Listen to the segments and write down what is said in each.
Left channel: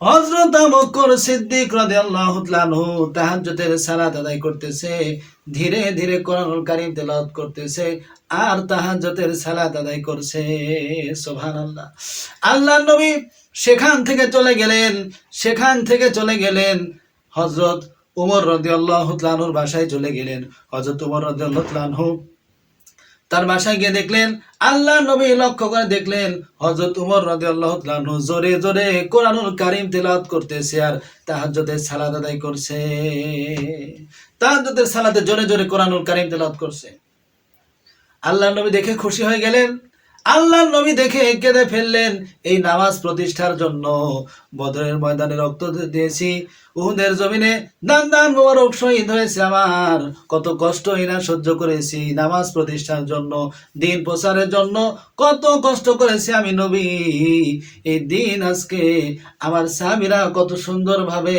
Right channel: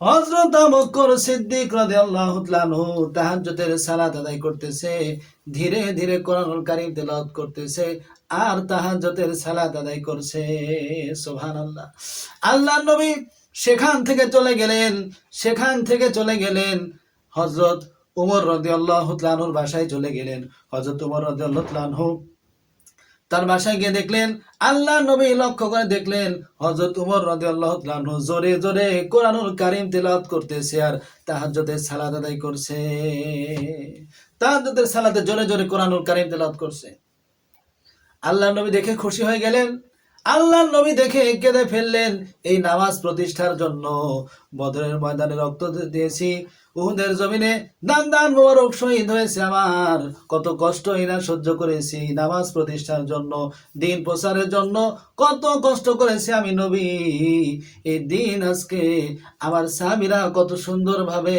হযরত Abubakar Siddique রাদিয়াল্লাহু তাহাজ্জুদের সালাত আদায় করতেছে, ধীরে ধীরে কোরআনুল কারীম তেলাওয়াত করতেছে আর তাহাজ্জুদের সালাত আদায় করছে। সুবহানাল্লাহ। আল্লাহর নবী সেখান থেকে চলে গেলেন, সেখান থেকে চলে গেলেন। হযরত উমর রাদিয়াল্লাহু তাআলার বাসায় চলে গেলেন। হযরত উমর রাদিয়াল্লাহু তাআলা তার বাসায় গিয়ে দেখলেন, আল্লাহ নবী লক্ষ্য করে দেখলেন হজরত উমর রাজি আল্লাহ জোরে জোরে কোরআনুল কারিম তেলাওয়াত করতেছে আর তাহাজ্জুদের সালাদ আদায় করছে। তাহাজ্জুদের সালাদে জোরে জোরে কোরআনুল কারিম তেলাওয়াত করছে। আল্লাহ নবী দেখে খুশি হয়ে গেলেন আল্লাহ নবী দেখে কেঁদে ফেললেন। এই নামাজ প্রতিষ্ঠার জন্য বদরের ময়দানে রক্ত দিয়েছি। উহুদের জমিনে দান দান মোবারক শহীদ হয়েছে আমার। কত কষ্ট এরা সহ্য করেছি নামাজ প্রতিষ্ঠার জন্য, দিন প্রচারের জন্য। কত কষ্ট করেছি আমি নবী। এই দিন আজকে আমার স্বামীরা কত সুন্দরভাবে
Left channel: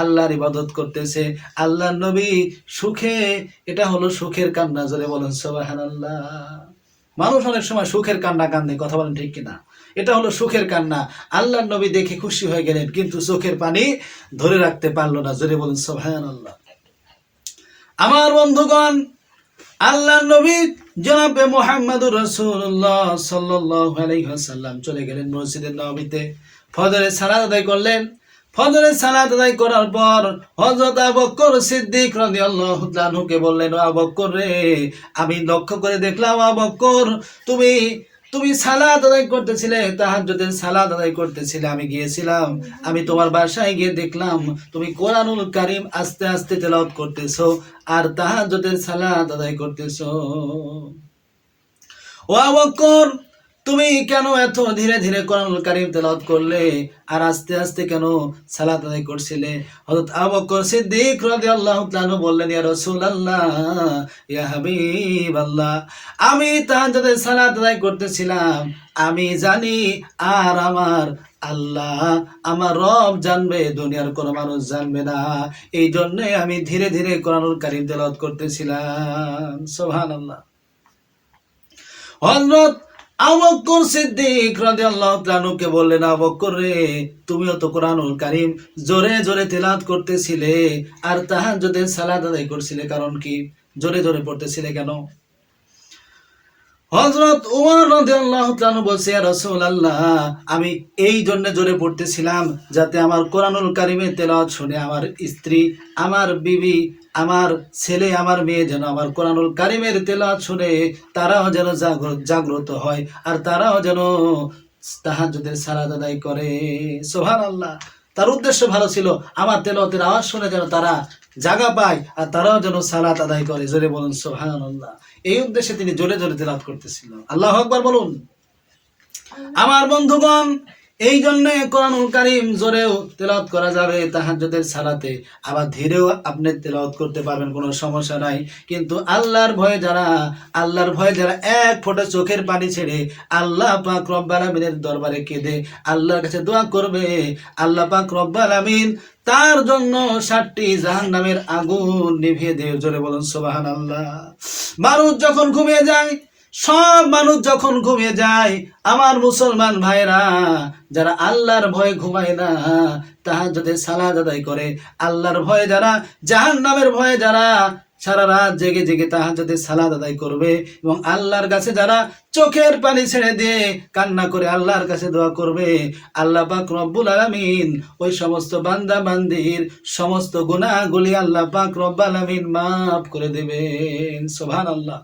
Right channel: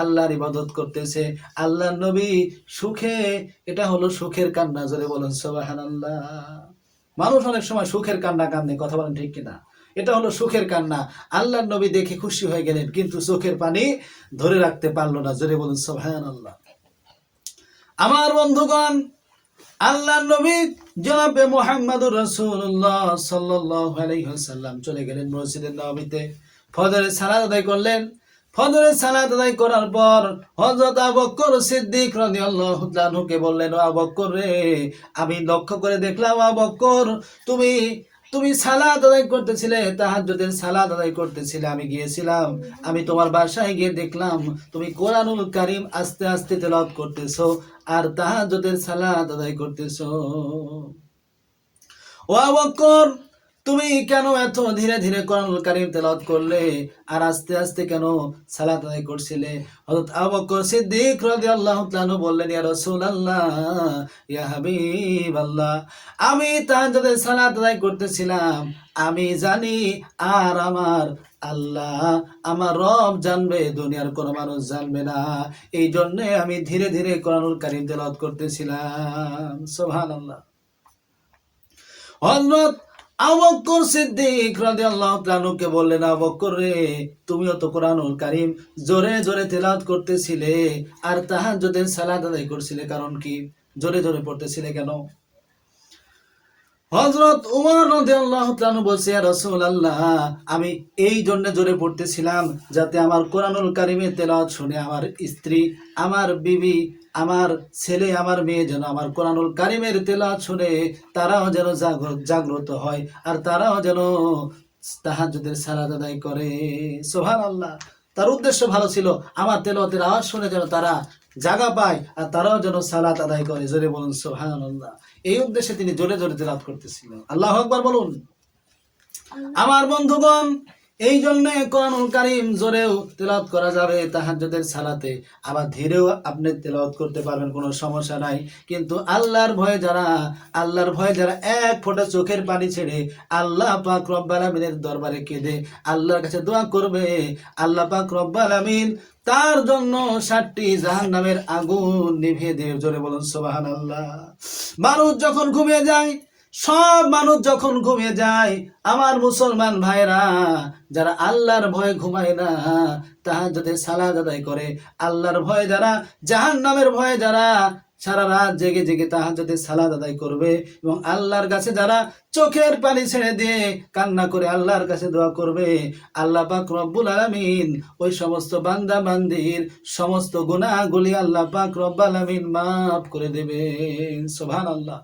আল্লাহর ইবাদত করতেছে। আল্লাহ নবী সুখে, এটা হলো সুখের কান্না, জোরে বলেন, সুবহানাল্লাহ। মানুষ অনেক সময় সুখের কান্না কান্দে, কথা বলেন ঠিক কিনা? এটা হলো সুখের কান্না। আল্লাহ নবী দেখে খুশি হয়ে গেলেন, কিন্তু চোখের পানি ধরে রাখতে পারল না। জোরে বলুন সোহান আল্লাহ আমার বন্ধুগণ আল্লাহ নবী জনাবে মোহাম্মদুর রসুল্লাহ সাল্লাহ আলাইহাল্লাম চলে গেলেন মসজিদের নবীতে ফজরে সালাদ আদায় করলেন ফজরে সালাত আদায় করার পর হযরত আবকর সিদ্দিক রাদিয়াল্লাহু তাআলাকে বললেন আবকর রে, আমি লক্ষ্য করে দেখলাম আবকর তুমি তুমি সালাত আদায় করতেছিলে, তাহাজ্জুদের সালাত আদায় করতেছিলে। আমি গিয়েছিলাম, আমি তোমার বাসায় গিয়ে দেখলাম, তুমি কোরআনুল কারীম আস্তে আস্তে তেলাওয়াত করতেছো আর তাহাজ্জুদের সালাত আদায় করতেছো। ও আবকর তুমি কেন এত ধীরে ধীরে কোরআনুল কারীম তেলাওয়াত করলে? আর আস্তে আস্তে কেন সালাত আদায় করছিলে? হযরত আবু বকর সিদ্দিক রাদিয়াল্লাহু তাআলা বললেন, ইয়া রাসূলুল্লাহ, ইয়া হাবিবাল্লাহ, আমি তাহাজ্জুদের সালাত আদায় করতেছিলাম। আমি জানি আর আমার আল্লাহ আমার রব জানবে, দুনিয়ার কোনো মানুষ জানবে না। এই জন্য আমি ধীরে ধীরে কোরআনুল কারীম তেলাওয়াত করতেছিলাম। সুবহানাল্লাহ। হযরত আবক্কর সিদ্দিক রাদিয়াল্লাহু তাআলাকে বললেন আবক্কর রে, তুমিও তো কোরআনুল কারীম জোরে জোরে তেলাওয়াত করতেছিলে, আর তাহাজ্জুদের সালাত আদায় করছিলে, কারণ কি? জোরে জোরে পড়তেছিলে কেন? হযরত উমর রাদিয়াল্লাহু তাআলা বলছে, ইয়া রাসূলুল্লাহ, আমি এই জন্য জোরে পড়তেছিলাম যাতে আমার কোরআনুল কারীমের তেলাওয়াত শুনে আমার স্ত্রী, আমার বিবি, আমার ছেলে, আমার মেয়ে যেন আমার কোরআনুল কারিমের তেলাওয়াত শুনে তারাও যেন জাগ্রত জাগ্রত হয় আর তারাও যেন তাহাজ্জুদের সালাত আদায় করে। সুবহানাল্লাহ। তার উদ্দেশ্য ভালো ছিল আমার তেলতের আওয়াজ শুনে যেন তারা জাগা পায় আর তারাও যেন সালাত আদায় করে। জোরে বলুন সোহানন্দা এই উদ্দেশ্যে তিনি জোরে জোরে তেলাত করতেছিলেন। আল্লাহ আকবার বলুন। আমার বন্ধুগণ এই জন্য কোরআনুল কারীম জোরেও তেলাওয়াত করা যাবে তাহাজ্জুদের সালাতে। আবার ধীরেও আপনি তেলাওয়াত করতে পারবেন, কোনো সমস্যা নাই। কিন্তু আল্লাহর ভয়ে যারা, আল্লাহর ভয়ে যারা এক ফোঁটা চোখের পানি ছেড়ে আল্লাহ পাক রব্বাল আমিনের দরবারে কেঁদে আল্লাহর কাছে দোয়া করবে, আল্লাহ পাক রব্বাল আমিন তার জন্য ষাটটি জাহান নামের আগুন নিভিয়ে দিয়ে জোরে বলুন সোবাহান আল্লাহ মানুষ যখন ঘুমিয়ে যায় সব মানুষ যখন ঘুমিয়ে যায়, আমার মুসলমান ভাইরা যারা আল্লাহর ভয়ে ঘুমায় না, তাহার যদি সালাদ আদায় করে, আল্লাহর ভয়ে যারা জাহান নামের ভয়ে যারা, সারা রাত জেগে জেগে যদি সালাদ আদায় করবে এবং আল্লাহর কাছে যারা চোখের পানি ছেড়ে দিয়ে কান্না করে আল্লাহর কাছে দোয়া করবে, আল্লাহ পাক রব্বুল আলামিন ওই সমস্ত বান্দা বান্দির সমস্ত গুনাহগুলি আল্লাহ পাক রব্বুল আলামিন মাফ করে দেবেন। সুবহানাল্লাহ।